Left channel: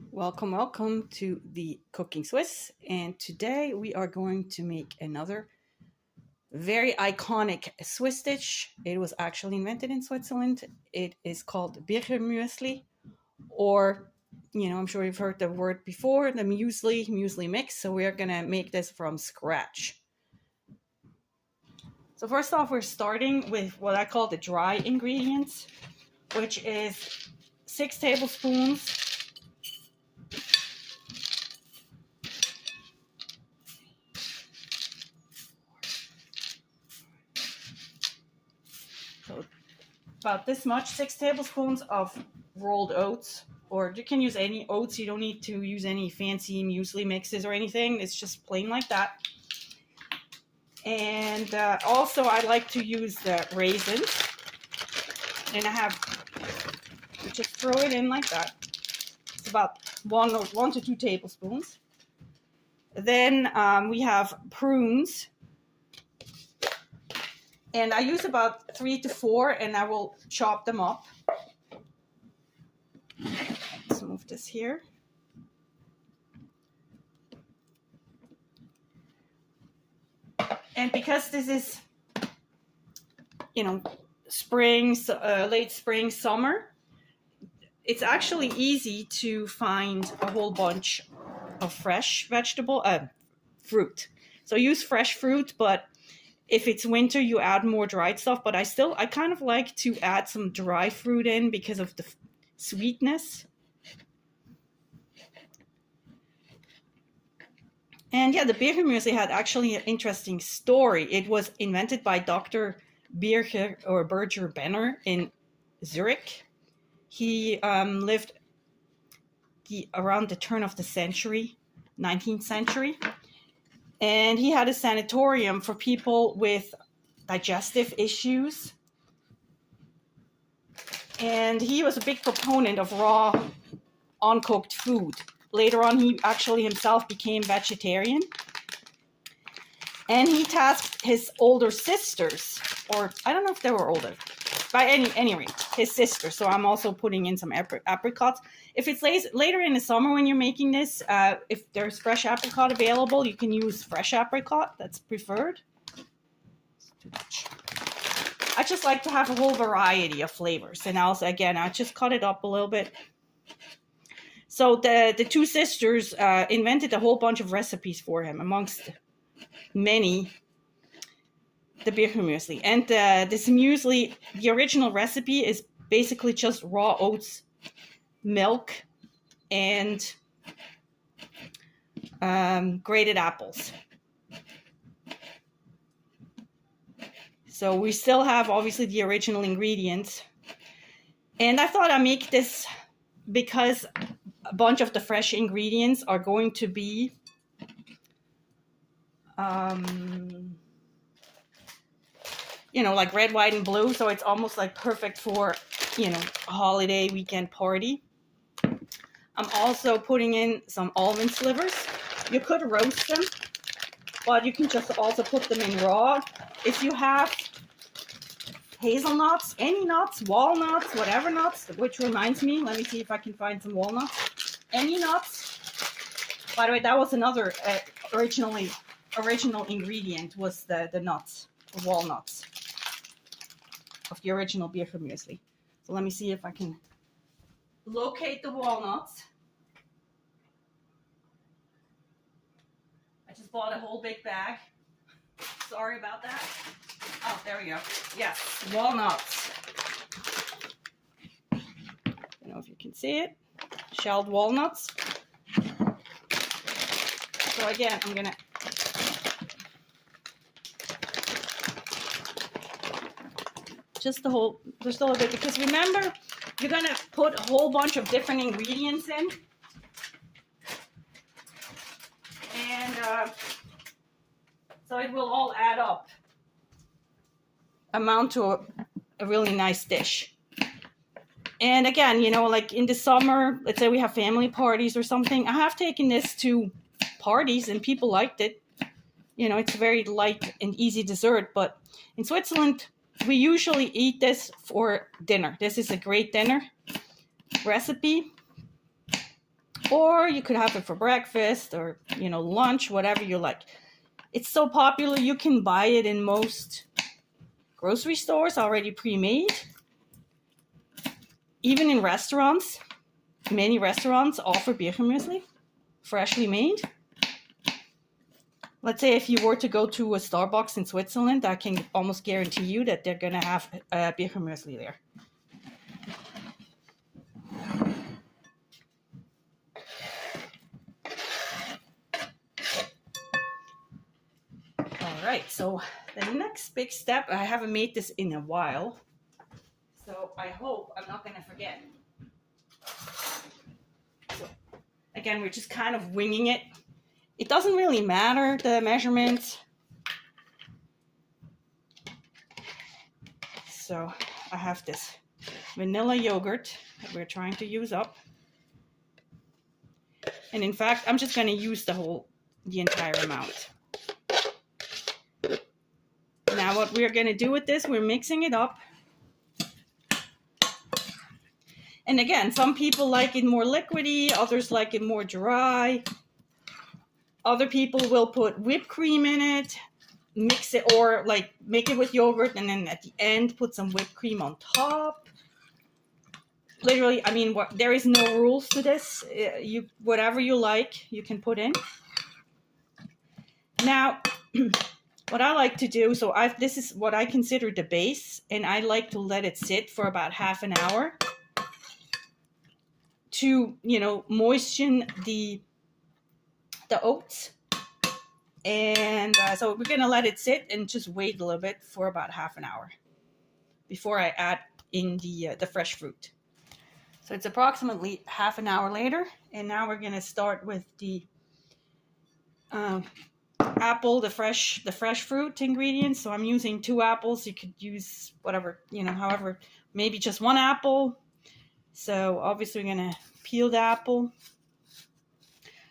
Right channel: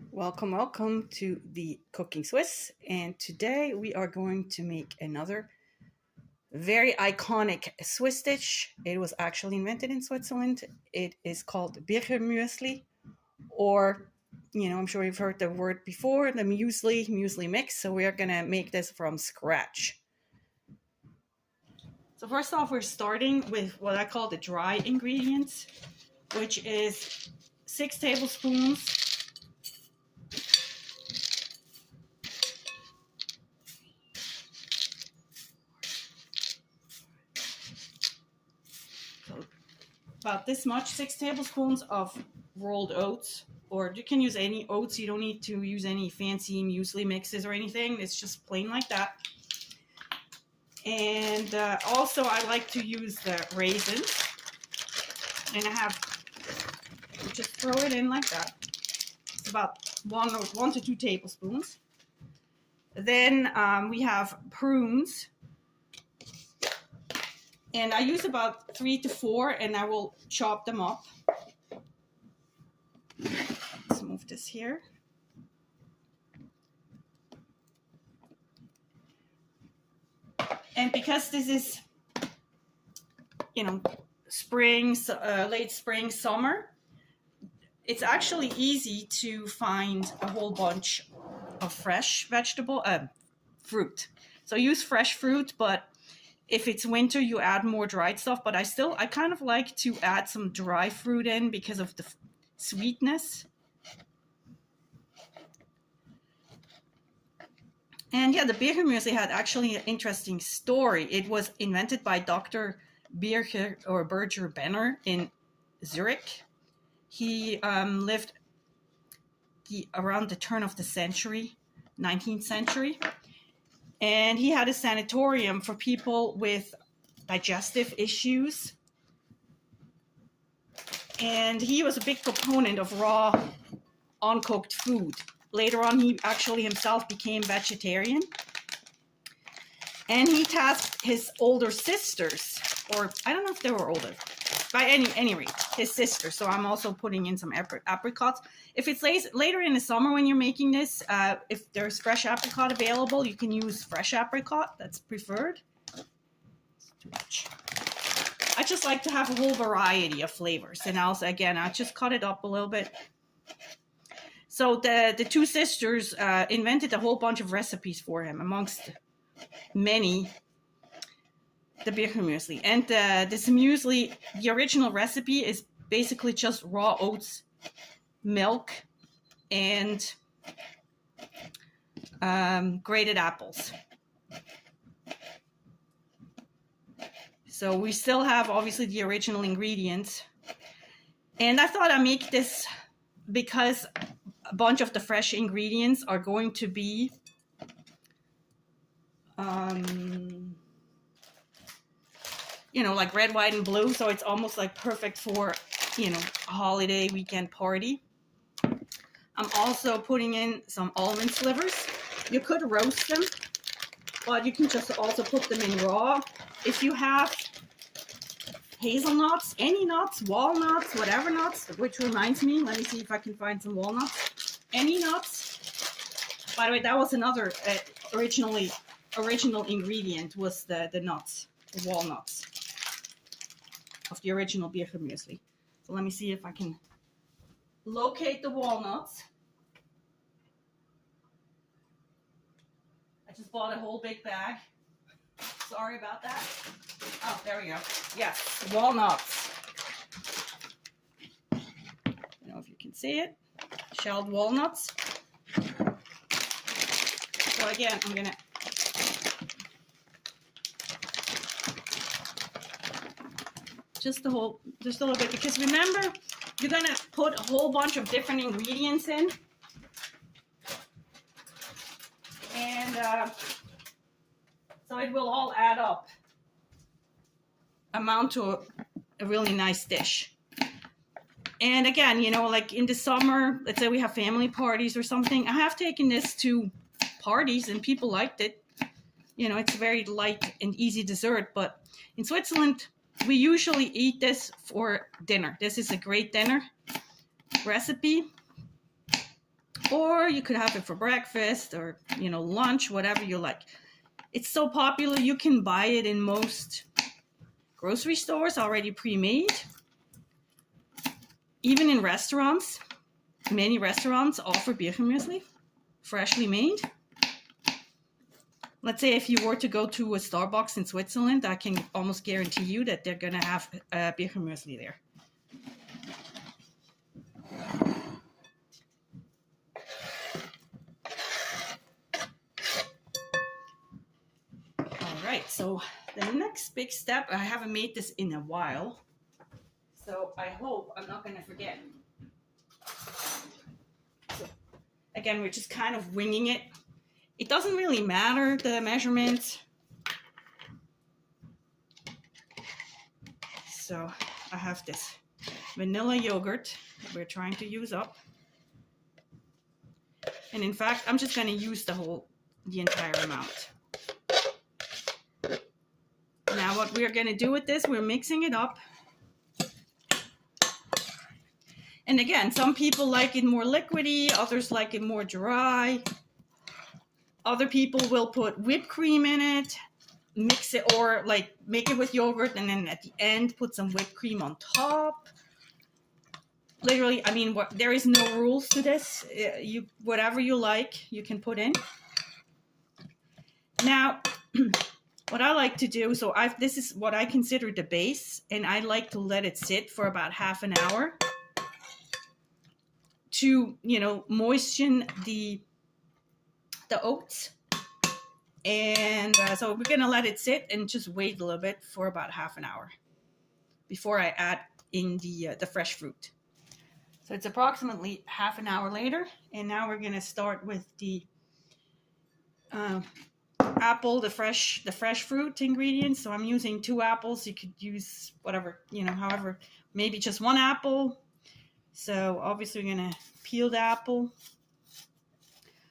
Welcome, welcome to the Cooking Swiss. And today we are going to make another very iconic Swiss dish. It was actually invented in Switzerland. It is called Bircher Muesli, or, I'm sure you've heard the word before, the muesli mix. So we are going to make this from scratch. So first off, we're starting with what I call the dry ingredients, which is 6 tablespoons about this much, 6 tablespoons of rolled oats, or you can use any oats. You don't need to use any fancy muesli mixes or anything. It's just plain like that. And also I like to use the raisins, and I have, just throw it in like that. It's about 1 to 2 tablespoons. Then we have prunes, and I use about 3 to 4, and I will chop them up. Let's move this here. And because this is, spring, late spring, summer, it's actually easy to find a whole bunch of fresh fruit. So use fresh fruit, but if it's winter, you add more dried stuff, but I kind of like to add some dry fruit in because of the sweetness. And yeah, the Bircher Muesli had actually an interesting story. It was invented by Dr. Bircher Benner in Zurich. He lived around the turn of the century, 19th century. And he had a sanatorium for people with digestive issues. And he was a big proponent of raw, uncooked food. Later on, he actually himself became vegetarian. And he tasked his older sisters, or I don't know if they were older, but any rate, his sisters. So I'm also putting in some apricots. If it's later in the summer when you're making this, if there's fresh apricot available, you can use fresh apricot. That's preferred. Too much. I just like to have a whole variety of flavors. And also, again, I just cut it up a little bit. So the two sisters invented a whole bunch of recipes for him, amongst many, the Bircher Muesli. And this muesli, the original recipe is basically just raw oats, milk, and grated apples. So we still have obviously the original ingredients. And I thought I'd make this because a bunch of the fresh ingredients are going to be like red, white, and blue. So it's almost like perfect for, a holiday weekend party. I'm also putting in some almond slivers. You could roast them, but you can just also put them in raw. If you have hazelnuts, any nuts, walnuts, whatever nuts, which reminds me, let me see if I can find some walnuts. Any nuts. By the way, that was another original ingredient, was the nuts, the walnuts of the original Bircher Muesli. So let me see if I can locate the walnuts. I just bought a whole big bag. Sorry about that. Oh, there we go. Yes, walnuts. I don't know if you can see it. Shelled walnuts. So again, I'm gonna just a little bit, because remember, you're gonna put a whole bunch of different ingredients in, and so it will all add up, amount to a really nice dish. And again, like in the summer, let's say we have family parties or something, I have taken this to parties and people liked it. It's a very light and easy dessert, but in Switzerland, we usually eat this for dinner. This is a great dinner recipe. Or you could have it for breakfast or, you know, lunch, whatever you like. It's so popular, you can buy it in most grocery stores already pre-made. Even in restaurants, many restaurants offer Bircher Muesli, freshly made. Let's say if you were to go to a Starbucks in Switzerland, I can almost guarantee you that they're going to have Bircher Muesli there. Alright, so the next big step, I haven't made this in a while, so I hope I'm not going to forget. So, again, we're just kind of winging it. It doesn't really matter, the measurements. So I have this vanilla yogurt that we're trying to use up. And in fact, I'm just going to use the entire amount. Now what we're going to do with this, we're mixing it up. And again, some people like it more liquidy, others like it more dry. Other people will put whipped cream in it, mix it, or like make it with yogurt and then at the end put some whipped cream on top. Literally, I mean, there is no rules to this. Whatever you like, you can put in. Now, what I like to do, so this is what I consider the base, and I like to let it sit for about half an hour to, you know, moisten the oats. And so we're going to let it sit and just wait a little bit for about half an hour before I add in the fresh fruit. So it's approximately half an hour later, and now we're going to start with the apple, the fresh fruit ingredients. So I'm using 2 apples. You could use whatever, you know, however, maybe just 1 apple. So obviously we're going to peel the apple.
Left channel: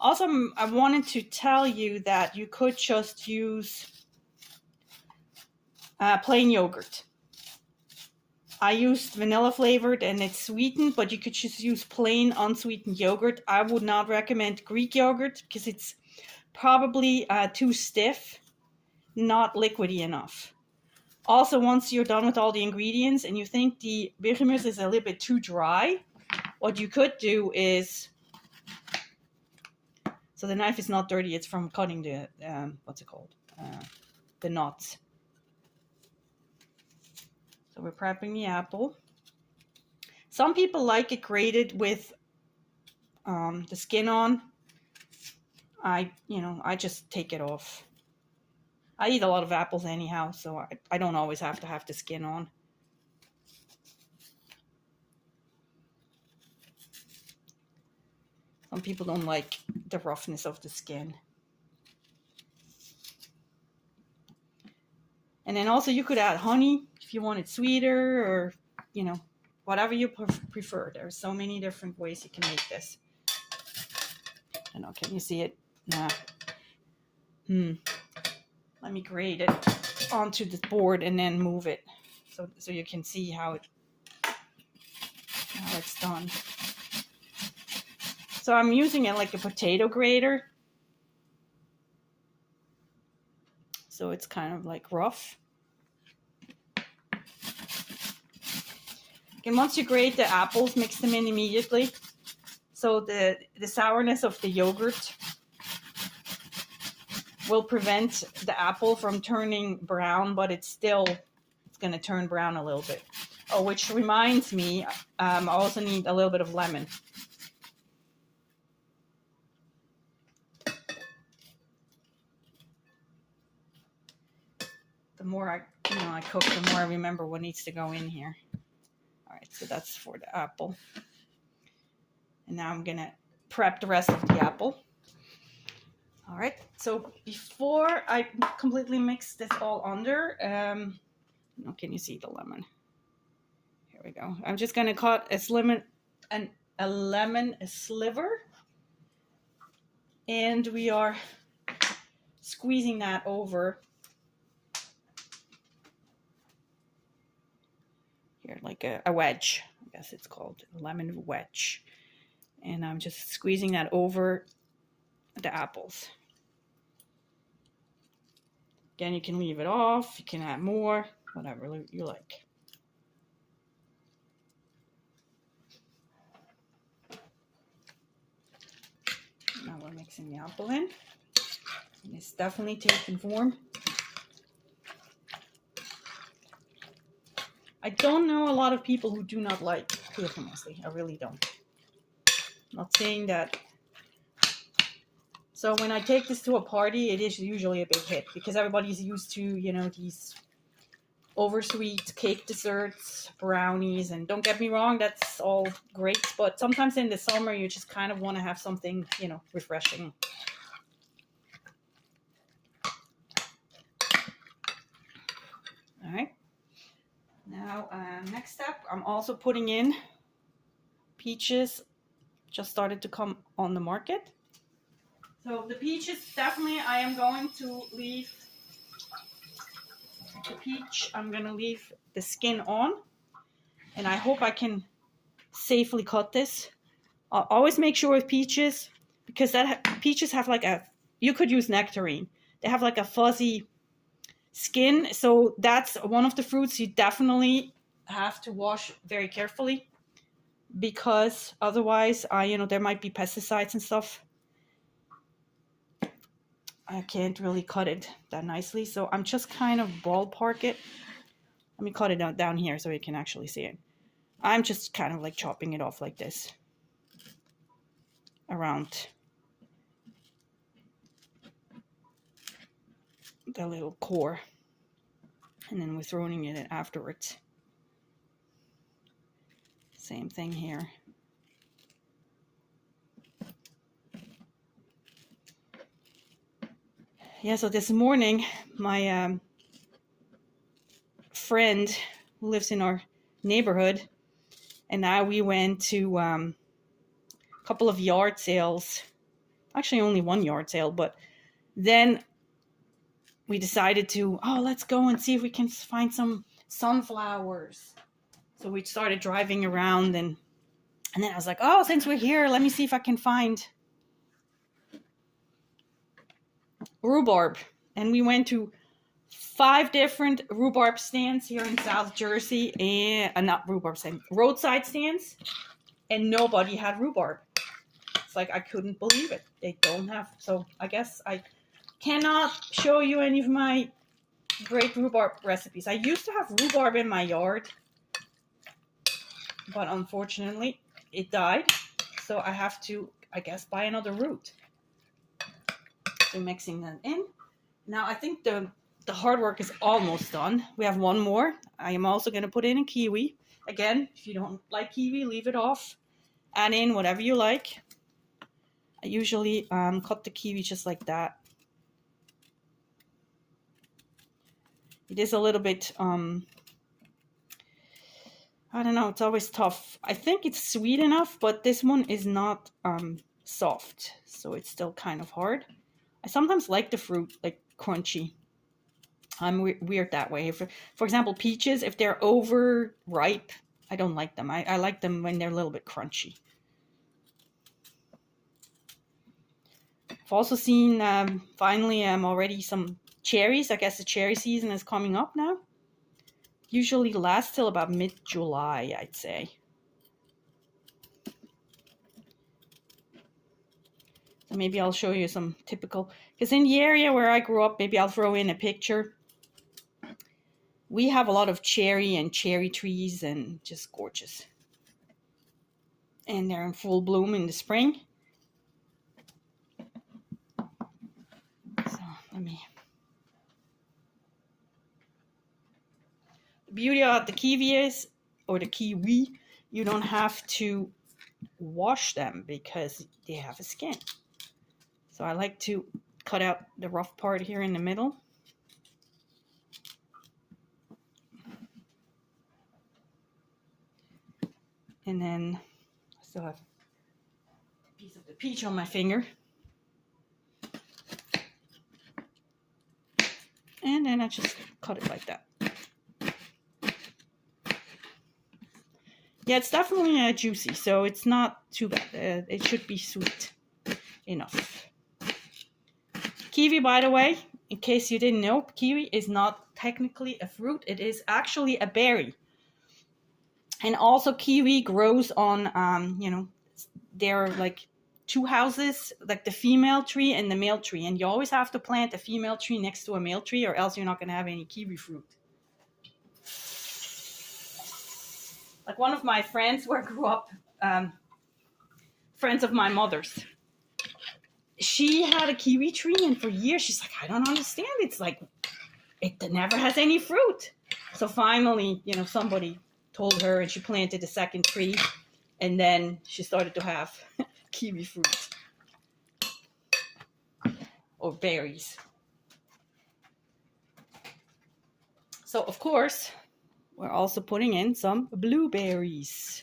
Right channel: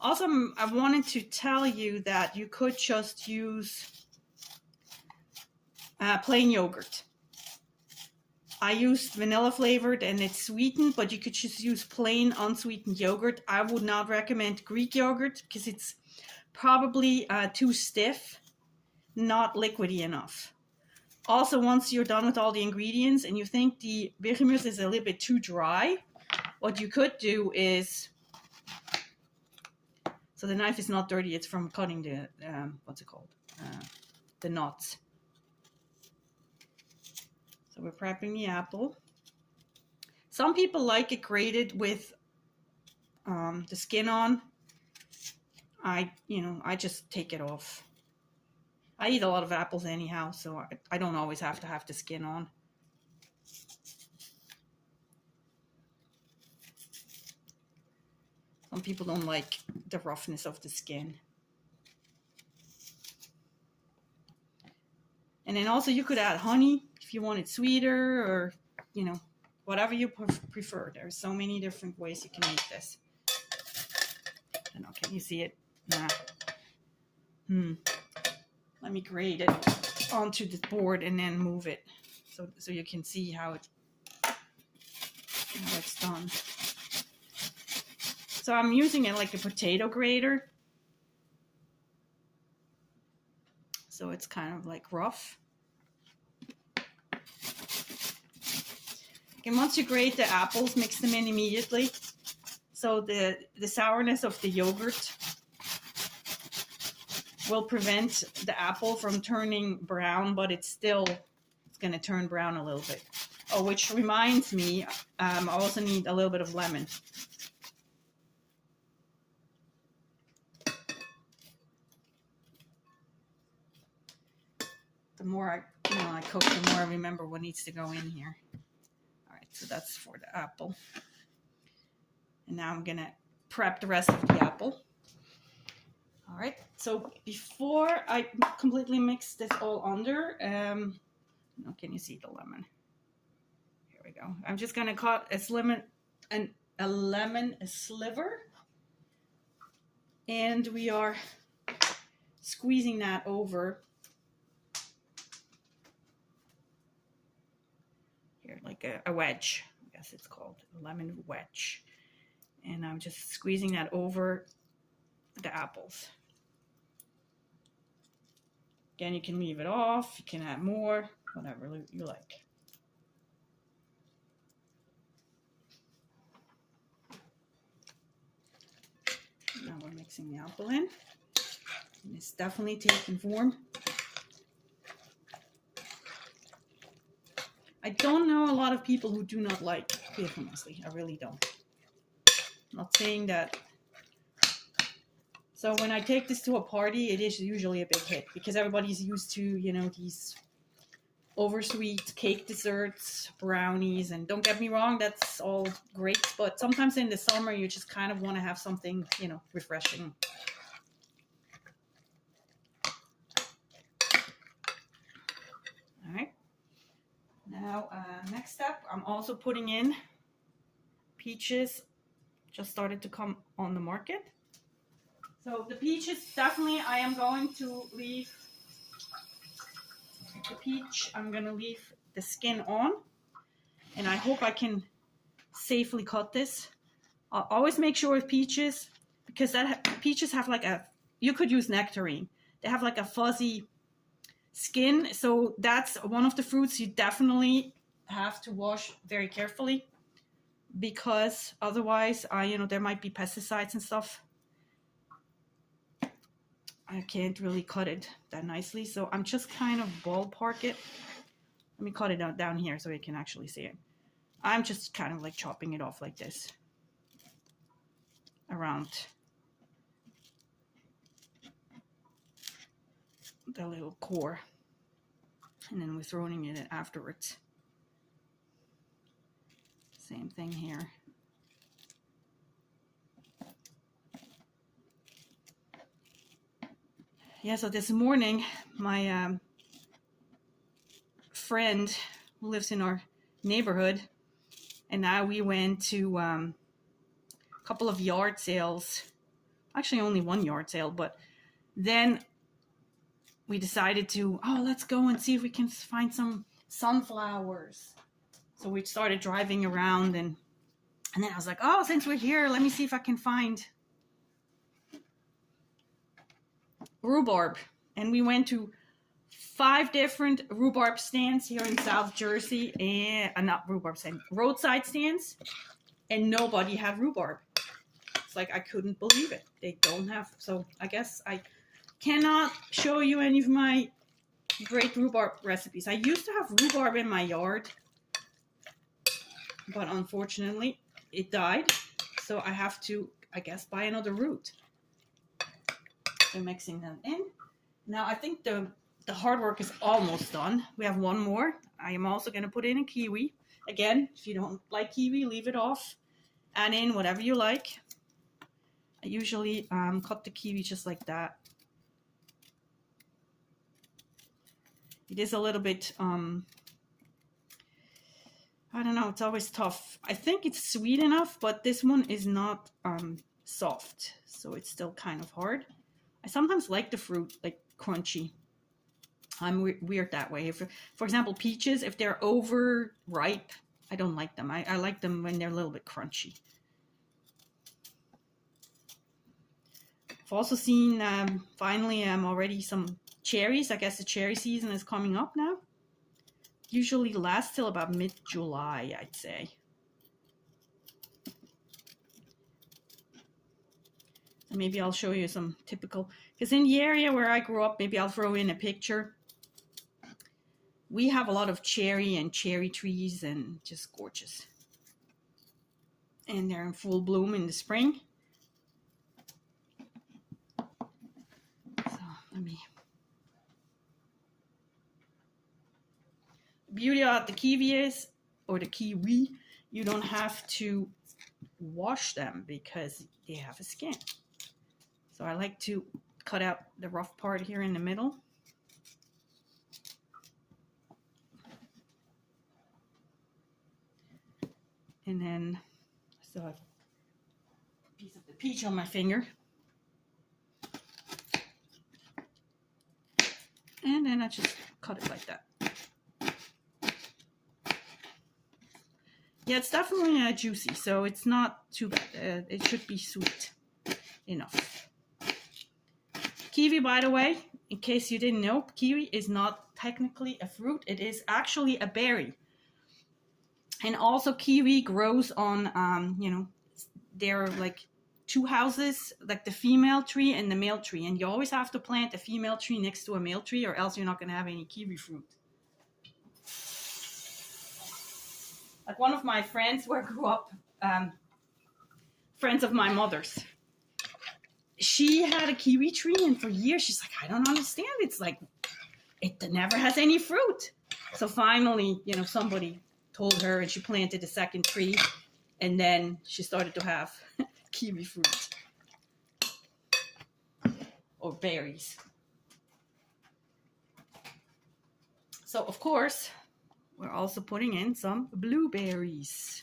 Also, I wanted to tell you that you could just use plain yogurt. I used vanilla flavored and it's sweetened, but you could just use plain unsweetened yogurt. I would not recommend Greek yogurt because it's probably too stiff, not liquidy enough. Also, once you're done with all the ingredients and you think the Bircher Muesli is a little bit too dry, what you could do is, so the knife is not dirty, it's from cutting the, what's it called? The nuts. So we're prepping the apple. Some people like it grated with the skin on. I just take it off. I eat a lot of apples anyhow, so I don't always have to have the skin on. Some people don't like the roughness of the skin. And then also you could add honey if you want it sweeter, or, you know, whatever you prefer. There are so many different ways you can make this. I know, can you see it? Yeah. Let me grate it onto the board and then move it so you can see how it's done. So I'm using it like a potato grater. So it's kind of like rough. And once you grate the apples, mix them in immediately. So the sourness of the yogurt will prevent the apple from turning brown, but it's going to turn brown a little bit. Oh, which reminds me, I also need a little bit of lemon. The more I cook, the more I remember what needs to go in here. All right, so that's for the apple. And now I'm going to prep the rest of the apple. All right, so before I completely mix this all under, can you see the lemon? Here we go. I'm just going to cut a lemon sliver. And we are squeezing that over here, like a wedge, I guess it's called a lemon wedge. And I'm just squeezing that over the apples. Again, you can leave it off, you can add more, whatever you like. Now we're mixing the apple in. And it's definitely taking form. I don't know a lot of people who do not like Bircher Muesli. I really don't. I'm not saying that. So when I take this to a party, it is usually a big hit because everybody's used to, you know, these oversweet cake desserts, brownies, and don't get me wrong, that's all great. But sometimes in the summer, you just kind of want to have something, you know, refreshing. All right. Now, next step, I'm also putting in peaches. Just started to come on the market. So the peaches, definitely I am going to leave the peach. I'm going to leave the skin on. And I hope I can safely cut this. I'll always make sure with peaches, because peaches have like a, you could use nectarine. They have like a fuzzy skin. So that's one of the fruits you definitely have to wash very carefully, because otherwise, you know, there might be pesticides and stuff. I can't really cut it that nicely, so I'm just kind of ballpark it. Let me cut it down here so you can actually see it. I'm just kind of like chopping it off like this around the little core, and then we're throwing it in afterwards. Same thing here. Yeah, so this morning, my friend who lives in our neighborhood, and now we went to a couple of yard sales. Actually, only one yard sale, but then we decided to, oh, let's go and see if we can find some sunflowers. So we started driving around, and then I was like, oh, since we're here, let me see if I can find rhubarb. And we went to 5 different rhubarb stands here in South Jersey, and not rhubarb stands, roadside stands, and nobody had rhubarb. It's like I couldn't believe it. They don't have, so I guess I cannot show you any of my great rhubarb recipes. I used to have rhubarb in my yard, but unfortunately it died, so I have to, I guess, buy another root. So mixing that in. Now I think the hard work is almost done. We have one more. I am also going to put in a kiwi. Again, if you don't like kiwi, leave it off. Add in whatever you like. I usually cut the kiwi just like that. It is a little bit, I don't know, it's always tough. I think it's sweet enough, but this one is not soft, so it's still kind of hard. I sometimes like the fruit, like crunchy. I'm weird that way. For example, peaches, if they're over ripe, I don't like them. I like them when they're a little bit crunchy. I've also seen, finally, already some cherries. I guess the cherry season is coming up now. Usually lasts till about mid-July, I'd say. And maybe I'll show you some typical, because in the area where I grew up, maybe I'll throw in a picture. We have a lot of cherry and cherry trees, and just gorgeous. And they're in full bloom in the spring. So let me. The beauty about the kiwi is, or the kiwi, you don't have to wash them because they have a skin. So I like to cut out the rough part here in the middle. And then I still have a piece of the peach on my finger. And then I just cut it like that. Yeah, it's definitely juicy, so it's not too bad. It should be sweet enough. Kiwi, by the way, in case you didn't know, kiwi is not technically a fruit. It is actually a berry. And also kiwi grows on, you know, there are like two houses, like the female tree and the male tree. And you always have to plant a female tree next to a male tree, or else you're not going to have any kiwi fruit. Like one of my friends where I grew up, friends of my mother's, she had a kiwi tree, and for years she's like, I don't understand. It's like, it never has any fruit. So finally, you know, somebody told her, and she planted a second tree, and then she started to have kiwi fruit. Or berries. So, of course, we're also putting in some blueberries.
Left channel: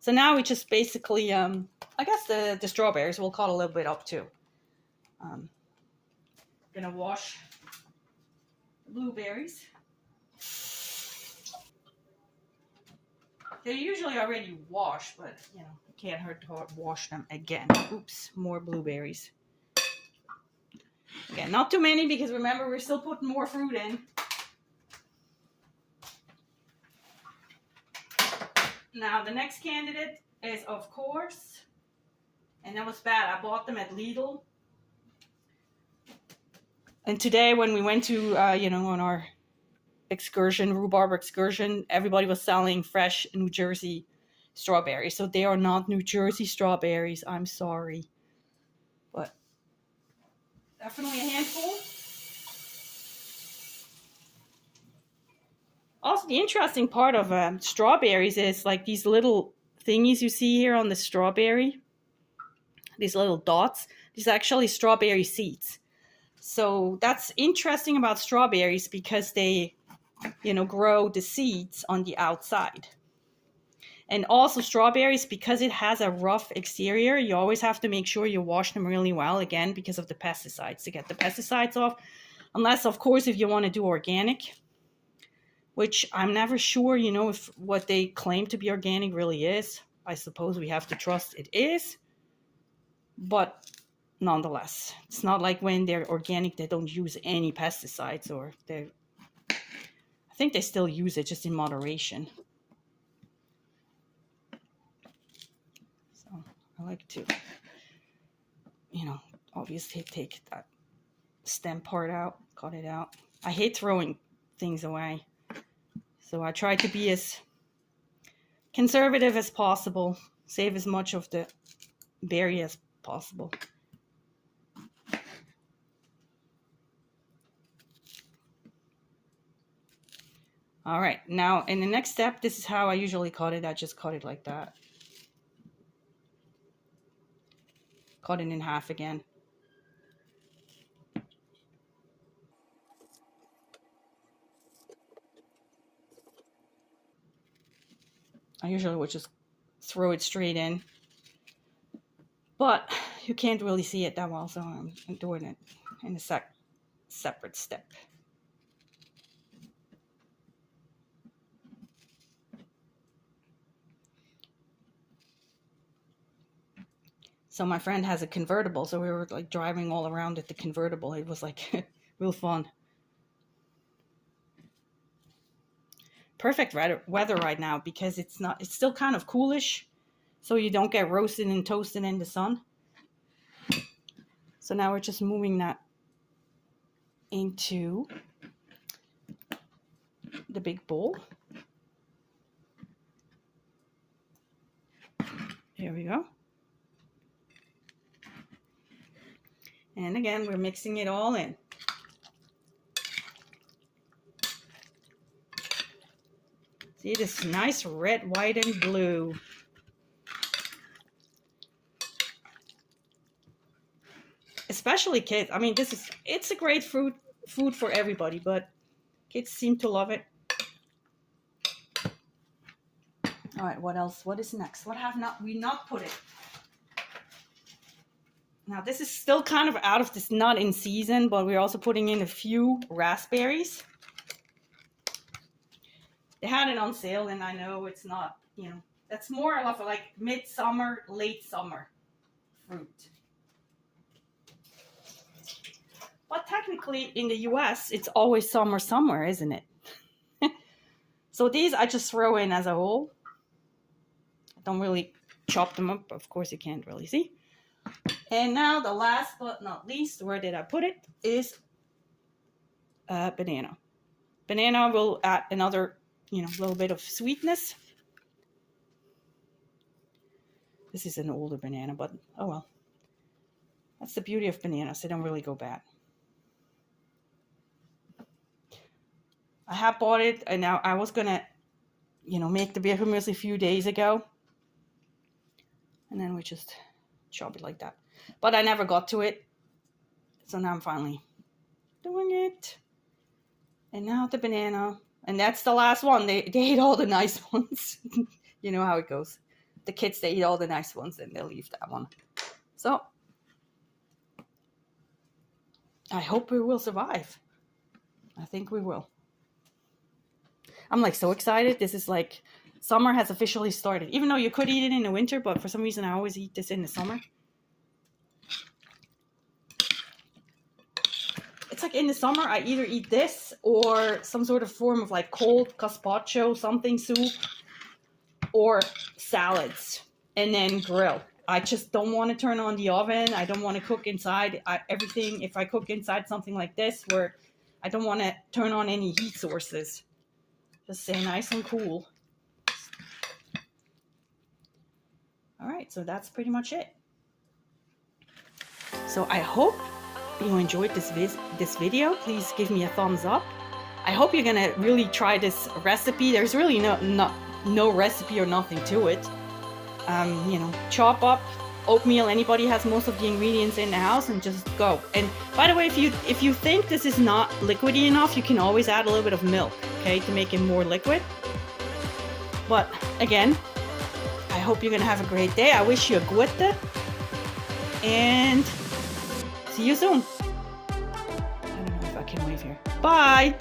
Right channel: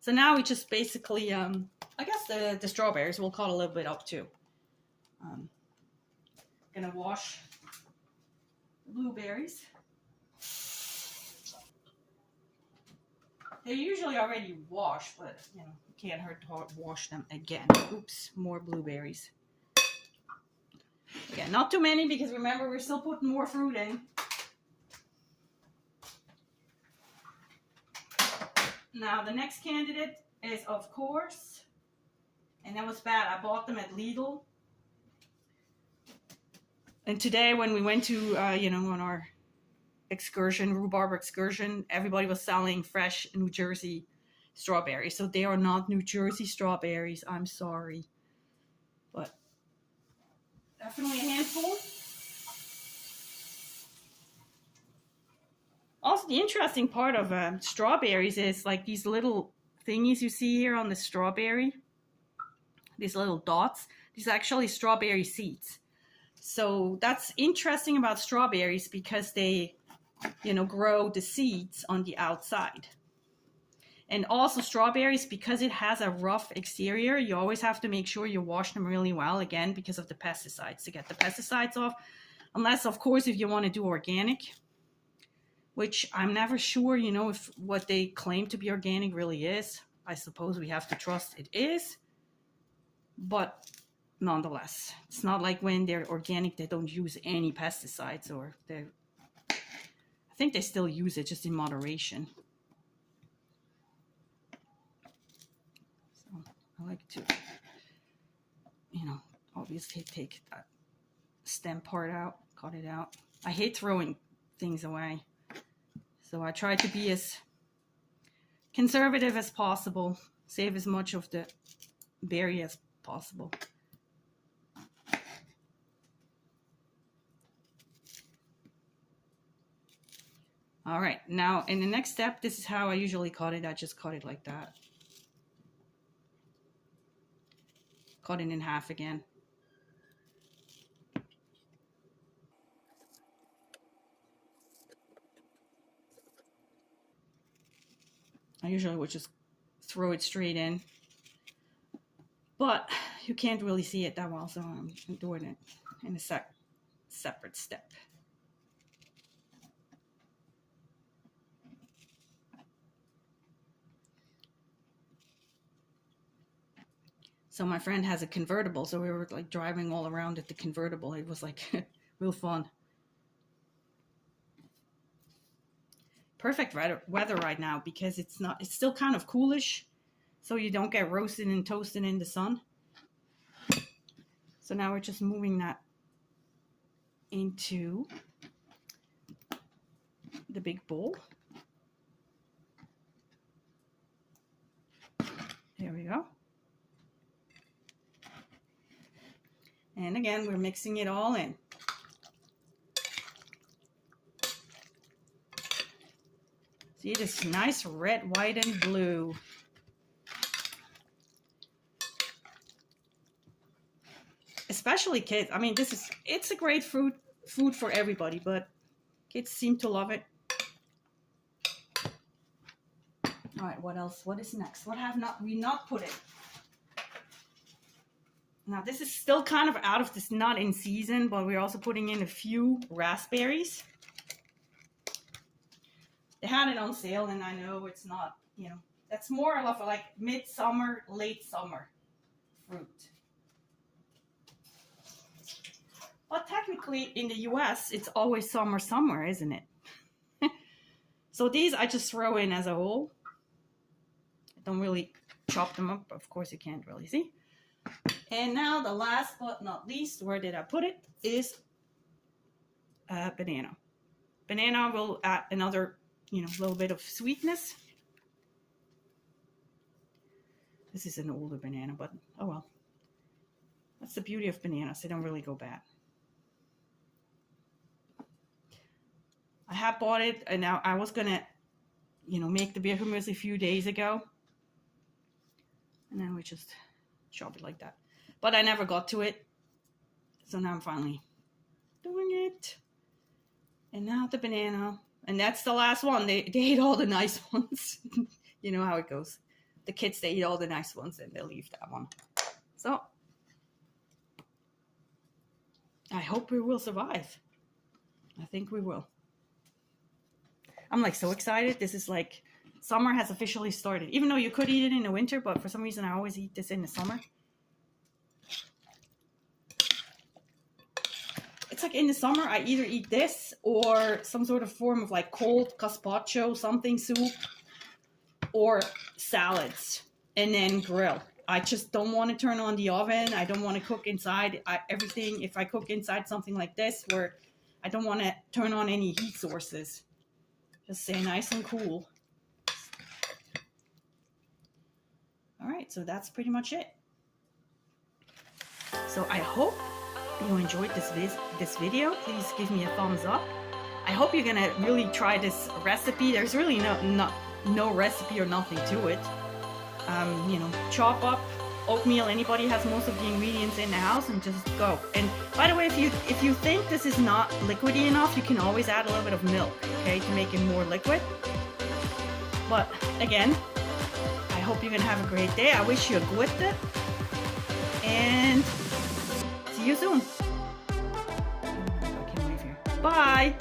So now we just basically, I guess the strawberries we'll cut a little bit up too. Gonna wash the blueberries. They're usually already washed, but you know, it can't hurt to wash them again. Oops, more blueberries. Again, not too many because remember we're still putting more fruit in. Now the next candidate is, of course, and that was bad, I bought them at Lidl. And today when we went to, you know, on our excursion, rhubarb excursion, everybody was selling fresh New Jersey strawberries. So they are not New Jersey strawberries, I'm sorry. But definitely a handful. Also, the interesting part of strawberries is like these little thingies you see here on the strawberry. These little dots. These are actually strawberry seeds. So that's interesting about strawberries because they, you know, grow the seeds on the outside. And also strawberries, because it has a rough exterior, you always have to make sure you wash them really well, again, because of the pesticides, to get the pesticides off. Unless, of course, if you want to do organic, which I'm never sure, you know, if what they claim to be organic really is. I suppose we have to trust it is. But nonetheless, it's not like when they're organic, they don't use any pesticides, or they, I think they still use it just in moderation. So I like to, you know, obviously take that stem part out, cut it out. I hate throwing things away. So I try to be as conservative as possible, save as much of the berry as possible. All right, now in the next step, this is how I usually cut it. I just cut it like that. Cut it in half again. I usually would just throw it straight in, but you can't really see it that well, so I'm doing it in a separate step. So my friend has a convertible, so we were like driving all around at the convertible. It was like real fun. Perfect weather right now because it's still kind of coolish, so you don't get roasted and toasted in the sun. So now we're just moving that into the big bowl. There we go. And again, we're mixing it all in. See this nice red, white, and blue. Especially kids. I mean, it's a great food for everybody, but kids seem to love it. All right, what else? What is next? What have we not put in? Now, this is still kind of out of this, not in season, but we're also putting in a few raspberries. They had it on sale, and I know it's not, you know, That's more of like midsummer, late summer fruit. But technically in the US, it's always summer somewhere, isn't it? So these I just throw in as a whole. I don't really chop them up. Of course, you can't really see. And now the last but not least, where did I put it, is banana. Banana will add another, little bit of sweetness. This is an older banana, but oh well. That's the beauty of bananas. They don't really go bad. I have bought it, and now I was gonna, make the Bircher Muesli a few days ago. And then we just chop it like that. But I never got to it. So now I'm finally doing it. And now the banana. And that's the last one. They ate all the nice ones. You know how it goes. The kids, they eat all the nice ones and they'll leave that one. So I hope we will survive. I think we will. I'm like so excited. This is like, summer has officially started. Even though you could eat it in the winter, but for some reason I always eat this in the summer. It's like in the summer, I either eat this or some sort of form of like cold gazpacho, something soup, or salads, and then grill. I just don't want to turn on the oven. I don't want to cook inside everything. If I cook inside something like this, where I don't want to turn on any heat sources. Just stay nice and cool. All right, so that's pretty much it. So I hope you enjoyed this video. Please give me a thumbs up. I hope you're gonna really try this recipe. There's really no recipe or nothing to it. Chop up oatmeal. Anybody has most of the ingredients in the house, and just go. And by the way, if you think this is not liquidy enough, you can always add a little bit of milk, okay, to make it more liquid. But again, I hope you're gonna have a great day. I wish you a good day, and see you soon. I don't know if I can leave here. Bye.